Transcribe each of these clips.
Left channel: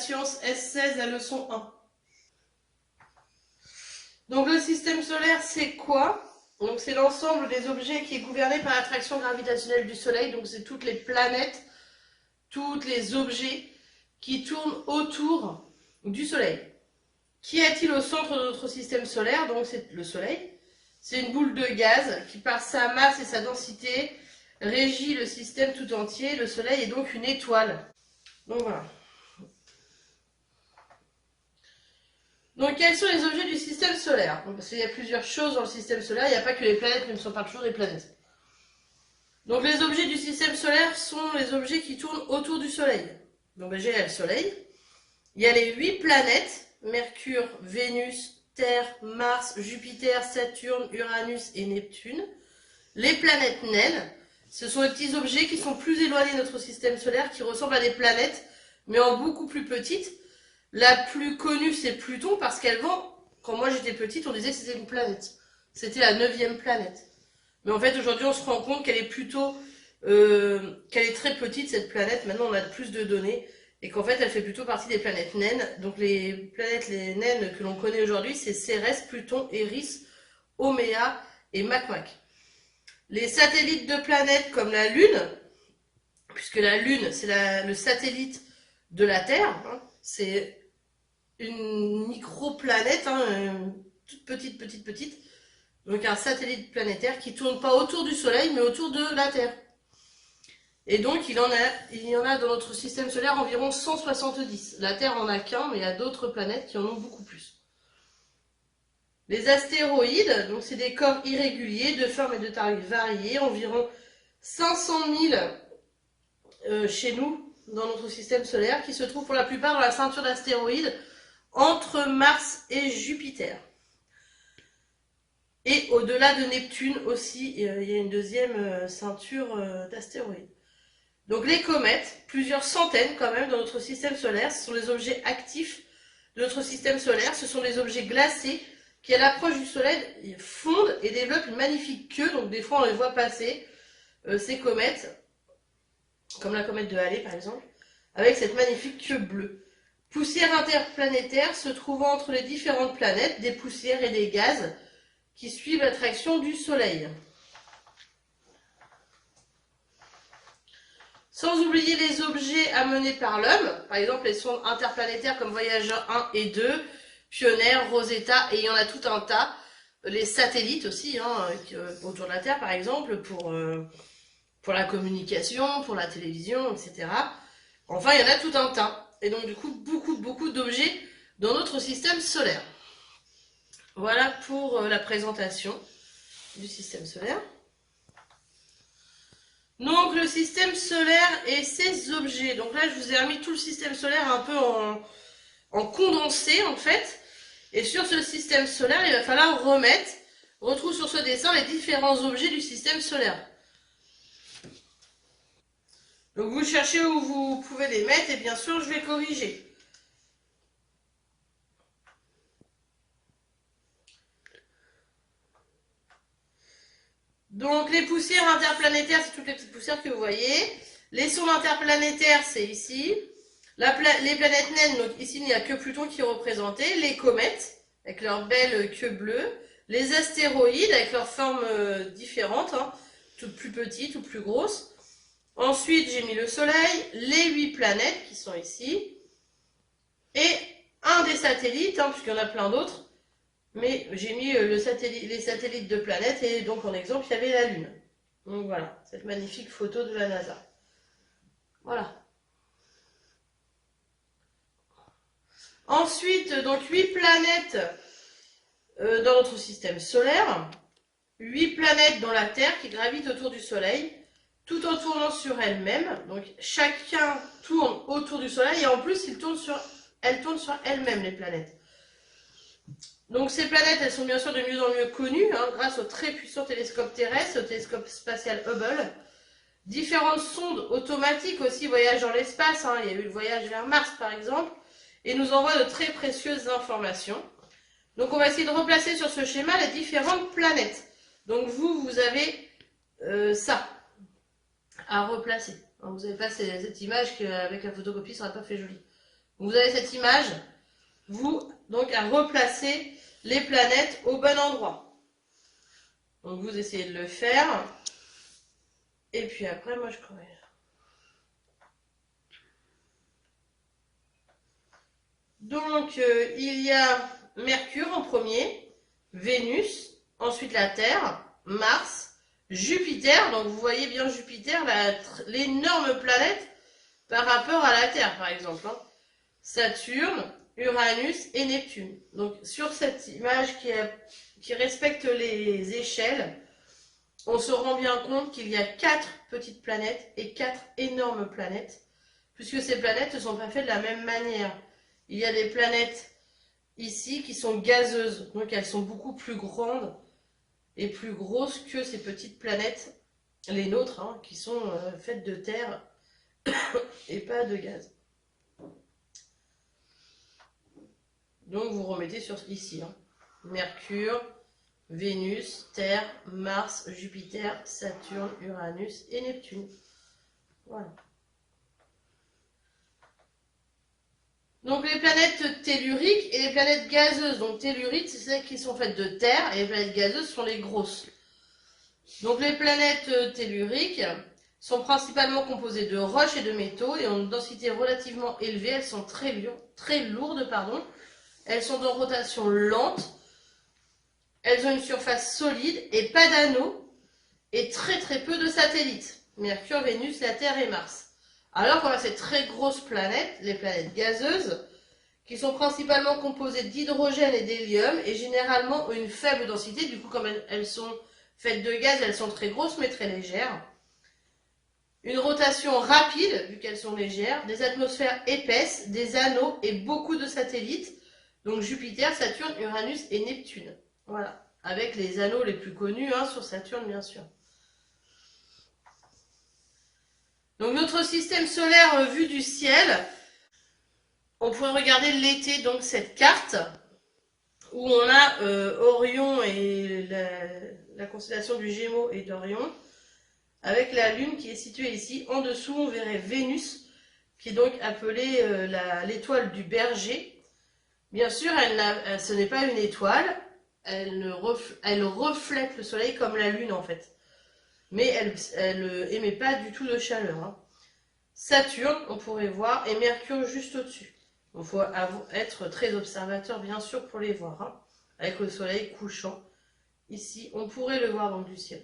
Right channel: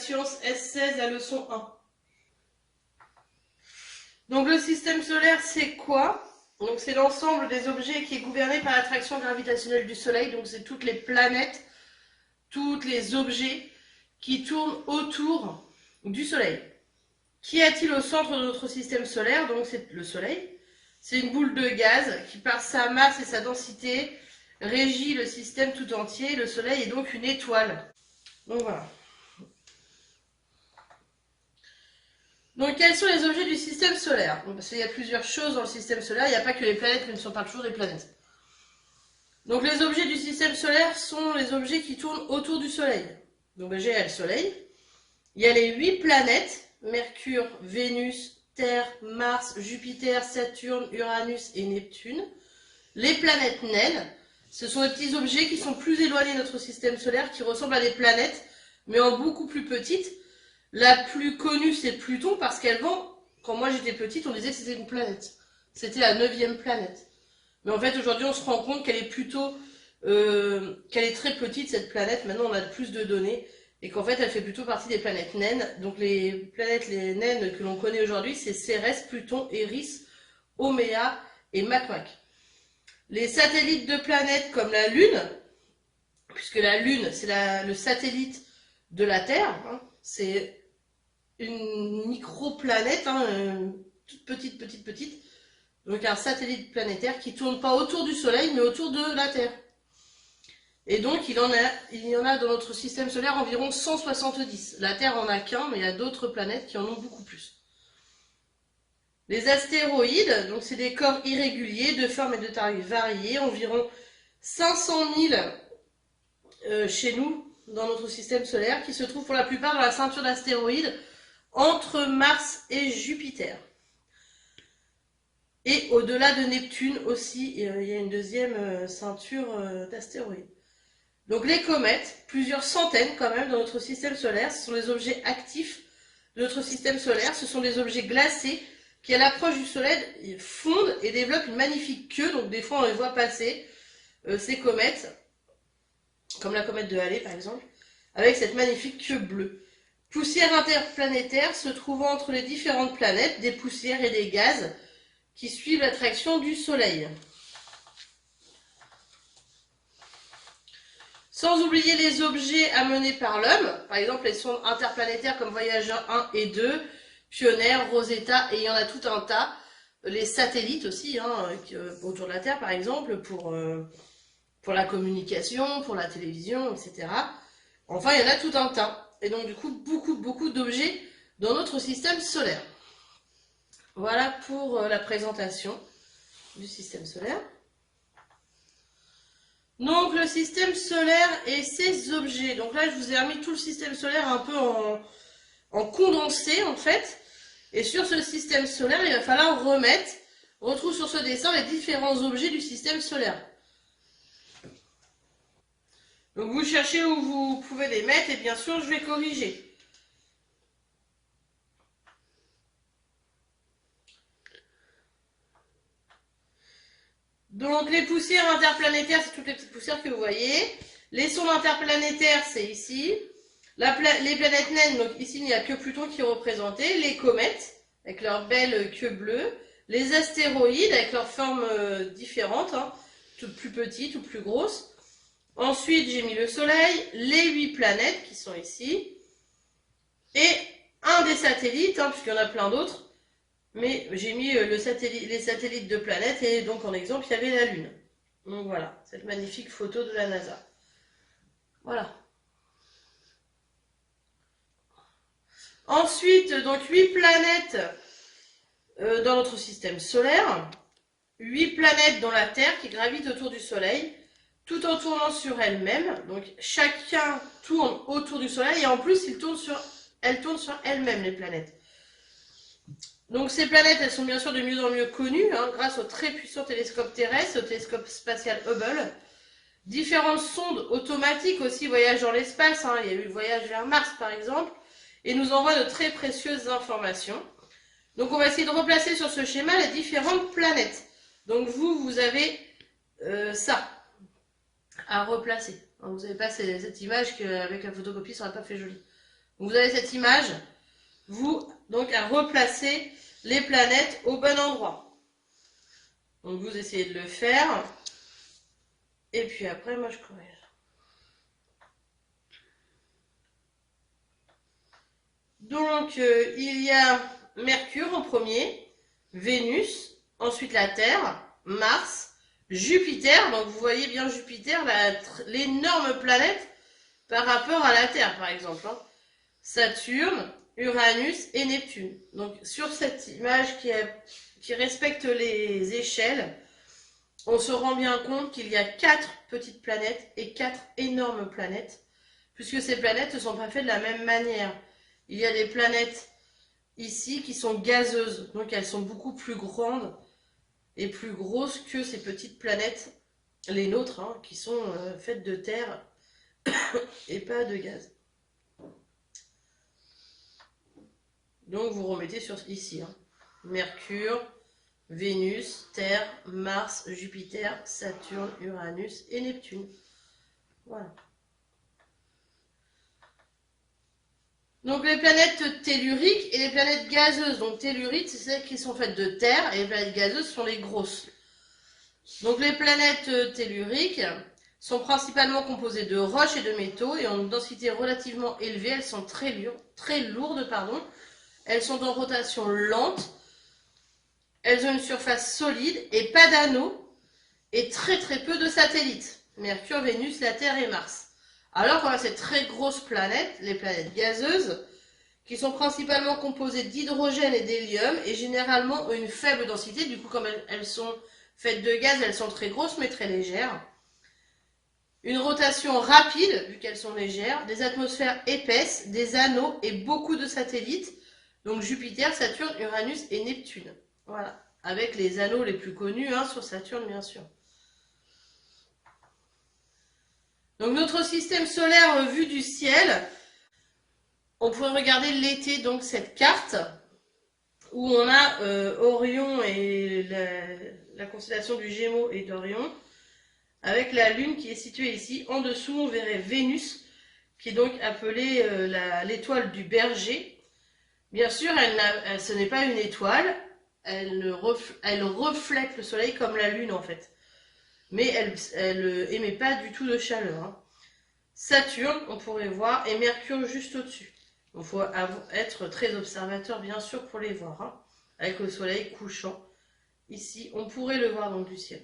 science S16, la leçon 1. Donc le système solaire, c'est quoi? Donc c'est l'ensemble des objets qui est gouverné par l'attraction gravitationnelle du Soleil. Donc c'est toutes les planètes, tous les objets qui tournent autour du Soleil. Qu'y a-t-il au centre de notre système solaire? Donc c'est le Soleil. C'est une boule de gaz qui, par sa masse et sa densité, régit le système tout entier. Le Soleil est donc une étoile. Donc voilà. Donc quels sont les objets du système solaire? Parce qu'il y a plusieurs choses dans le système solaire, il n'y a pas que les planètes, mais ne sont pas toujours des planètes. Donc les objets du système solaire sont les objets qui tournent autour du Soleil. Donc déjà il y a le Soleil, il y a les 8 planètes, Mercure, Vénus, Terre, Mars, Jupiter, Saturne, Uranus et Neptune. Les planètes naines, ce sont les petits objets qui sont plus éloignés de notre système solaire, qui ressemblent à des planètes, mais en beaucoup plus petites. La plus connue, c'est Pluton, parce qu'avant, quand moi j'étais petite, on disait que c'était une planète. C'était la 9e planète. Mais en fait, aujourd'hui, on se rend compte qu'elle est plutôt... qu'elle est très petite, cette planète. Maintenant, on a plus de données. Et qu'en fait, elle fait plutôt partie des planètes naines. Donc les planètes les naines que l'on connaît aujourd'hui, c'est Cérès, Pluton, Eris, Oméa et Makmak. Les satellites de planètes comme la Lune, puisque la Lune, c'est le satellite de la Terre, hein, c'est une microplanète, hein, toute petite. Donc un satellite planétaire qui ne tourne pas autour du Soleil, mais autour de la Terre. Et donc il y en a dans notre système solaire environ 170. La Terre en a qu'un, mais il y a d'autres planètes qui en ont beaucoup plus. Les astéroïdes, donc c'est des corps irréguliers, de forme et de taille variées, environ 500 000 chez nous, dans notre système solaire, qui se trouvent pour la plupart dans la ceinture d'astéroïdes, entre Mars et Jupiter. Et au-delà de Neptune aussi, il y a une deuxième ceinture d'astéroïdes. Donc les comètes, plusieurs centaines quand même dans notre système solaire, ce sont des objets actifs de notre système solaire, ce sont des objets glacés qui à l'approche du Soleil fondent et développent une magnifique queue, donc des fois on les voit passer, ces comètes, comme la comète de Halley par exemple, avec cette magnifique queue bleue. Poussière interplanétaire se trouvant entre les différentes planètes, des poussières et des gaz qui suivent l'attraction du Soleil. Sans oublier les objets amenés par l'homme, par exemple les sondes interplanétaires comme Voyager 1 et 2, Pioneer, Rosetta, et il y en a tout un tas. Les satellites aussi, hein, autour de la Terre par exemple, pour la communication, pour la télévision, etc. Enfin, il y en a tout un tas. Et donc du coup, beaucoup d'objets dans notre système solaire. Voilà pour la présentation du système solaire. Donc le système solaire et ses objets. Donc là, je vous ai remis tout le système solaire un peu en condensé en fait. Et sur ce système solaire, il va falloir retrouve sur ce dessin les différents objets du système solaire. Donc vous cherchez où vous pouvez les mettre et bien sûr, je vais corriger. Donc les poussières interplanétaires, c'est toutes les petites poussières que vous voyez. Les sondes interplanétaires, c'est ici. Les planètes naines, donc ici il n'y a que Pluton qui est représenté. Les comètes, avec leur belle queue bleue. Les astéroïdes, avec leurs formes différentes, hein, toutes plus petites ou plus grosses. Ensuite, j'ai mis le Soleil, les 8 planètes qui sont ici. Et un des satellites, hein, puisqu'il y en a plein d'autres. Mais j'ai mis les satellites de planètes et donc en exemple il y avait la Lune. Donc voilà, cette magnifique photo de la NASA. Voilà. Ensuite, donc 8 planètes dans notre système solaire. 8 planètes dans la Terre qui gravitent autour du Soleil, tout en tournant sur elles-mêmes. Donc chacun tourne autour du Soleil et en plus elles tournent sur elles-mêmes les planètes. Donc ces planètes, elles sont bien sûr de mieux en mieux connues, hein, grâce au très puissant télescope terrestre, au télescope spatial Hubble. Différentes sondes automatiques aussi voyagent dans l'espace, hein, il y a eu le voyage vers Mars par exemple, et nous envoient de très précieuses informations. Donc on va essayer de replacer sur ce schéma les différentes planètes. Donc vous avez ça à replacer. Alors, vous n'avez pas cette image qu'avec la photocopie, ça n'aurait pas fait joli. Vous avez cette image, vous, donc, à replacer les planètes au bon endroit. Donc, vous essayez de le faire. Et puis après, moi, je corrige. Donc, il y a Mercure en premier, Vénus, ensuite la Terre, Mars, Jupiter. Donc, vous voyez bien Jupiter, l'énorme planète par rapport à la Terre, par exemple. Hein. Saturne, Uranus et Neptune. Donc, sur cette image qui respecte les échelles, on se rend bien compte qu'il y a 4 petites planètes et 4 énormes planètes, puisque ces planètes ne sont pas faites de la même manière. Il y a des planètes ici qui sont gazeuses, donc elles sont beaucoup plus grandes et plus grosses que ces petites planètes, les nôtres, hein, qui sont faites de terre et pas de gaz. Donc vous remettez sur ici, hein. Mercure, Vénus, Terre, Mars, Jupiter, Saturne, Uranus et Neptune. Voilà. Donc les planètes telluriques et les planètes gazeuses. Donc telluriques, c'est celles qui sont faites de terre, et les planètes gazeuses sont les grosses. Donc les planètes telluriques sont principalement composées de roches et de métaux et ont une densité relativement élevée. Elles sont très lourdes. Elles sont en rotation lente. Elles ont une surface solide et pas d'anneaux et très peu de satellites. Mercure, Vénus, la Terre et Mars. Alors qu'on a ces très grosses planètes, les planètes gazeuses, qui sont principalement composées d'hydrogène et d'hélium et généralement ont une faible densité. Du coup, comme elles sont faites de gaz, elles sont très grosses mais très légères. Une rotation rapide, vu qu'elles sont légères, des atmosphères épaisses, des anneaux et beaucoup de satellites. Donc Jupiter, Saturne, Uranus et Neptune. Voilà, avec les anneaux les plus connus, hein, sur Saturne bien sûr. Donc notre système solaire vu du ciel, on pourrait regarder l'été, donc cette carte, où on a Orion et la constellation du Gémeaux et d'Orion, avec la Lune qui est située ici. En dessous, on verrait Vénus, qui est donc appelée l'étoile du Berger. Bien sûr, ce n'est pas une étoile, elle reflète le Soleil comme la Lune en fait. Mais elle émet pas du tout de chaleur. Hein. Saturne, on pourrait voir, et Mercure juste au-dessus. Il faut être très observateur, bien sûr, pour les voir. Hein, avec le soleil couchant. Ici, on pourrait le voir dans du ciel.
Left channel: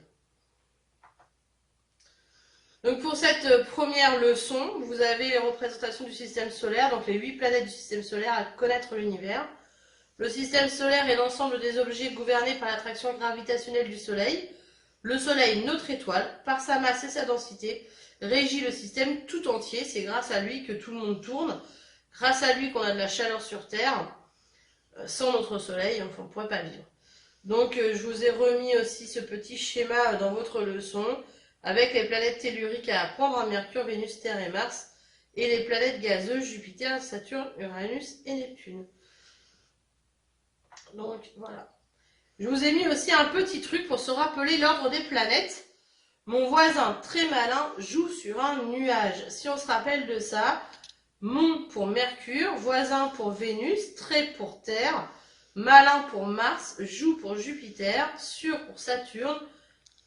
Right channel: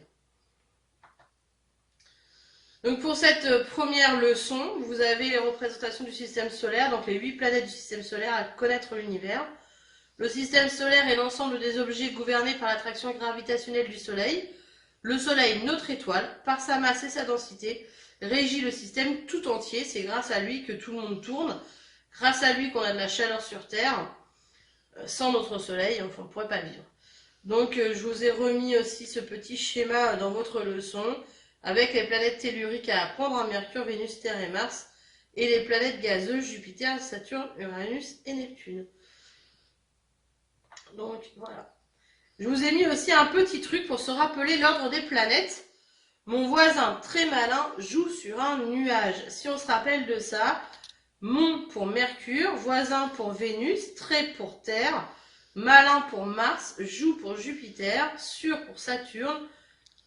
Donc pour cette première leçon, vous avez les représentations du système solaire, donc les 8 planètes du système solaire à connaître l'univers. Le système solaire est l'ensemble des objets gouvernés par l'attraction gravitationnelle du Soleil. Le Soleil, notre étoile, par sa masse et sa densité, régit le système tout entier. C'est grâce à lui que tout le monde tourne. Grâce à lui qu'on a de la chaleur sur Terre. Sans notre Soleil, on ne pourrait pas vivre. Donc je vous ai remis aussi ce petit schéma dans votre leçon avec les planètes telluriques à apprendre, en Mercure, Vénus, Terre et Mars, et les planètes gazeuses, Jupiter, Saturne, Uranus et Neptune. Donc voilà. Je vous ai mis aussi un petit truc pour se rappeler l'ordre des planètes. Mon voisin très malin joue sur un nuage. Si on se rappelle de ça, mon pour Mercure, voisin pour Vénus, très pour Terre, malin pour Mars, joue pour Jupiter, sûr pour Saturne,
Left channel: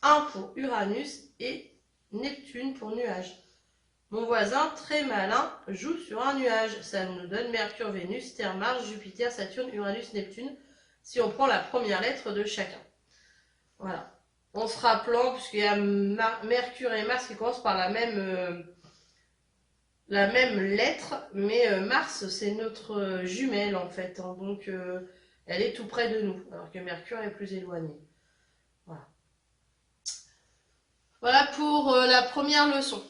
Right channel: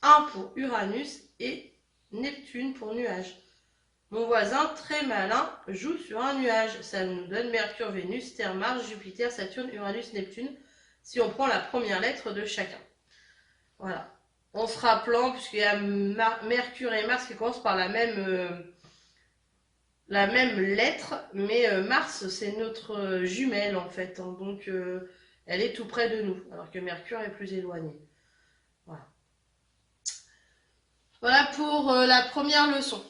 1 pour Uranus et Neptune pour nuage. Mon voisin très malin joue sur un nuage. Ça nous donne Mercure, Vénus, Terre, Mars, Jupiter, Saturne, Uranus, Neptune, si on prend la première lettre de chacun. Voilà. En se rappelant, puisqu'il y a Mercure et Mars qui commencent par la même lettre, mais Mars c'est notre jumelle en fait, hein, donc elle est tout près de nous, alors que Mercure est plus éloigné. Voilà. Voilà pour la première leçon.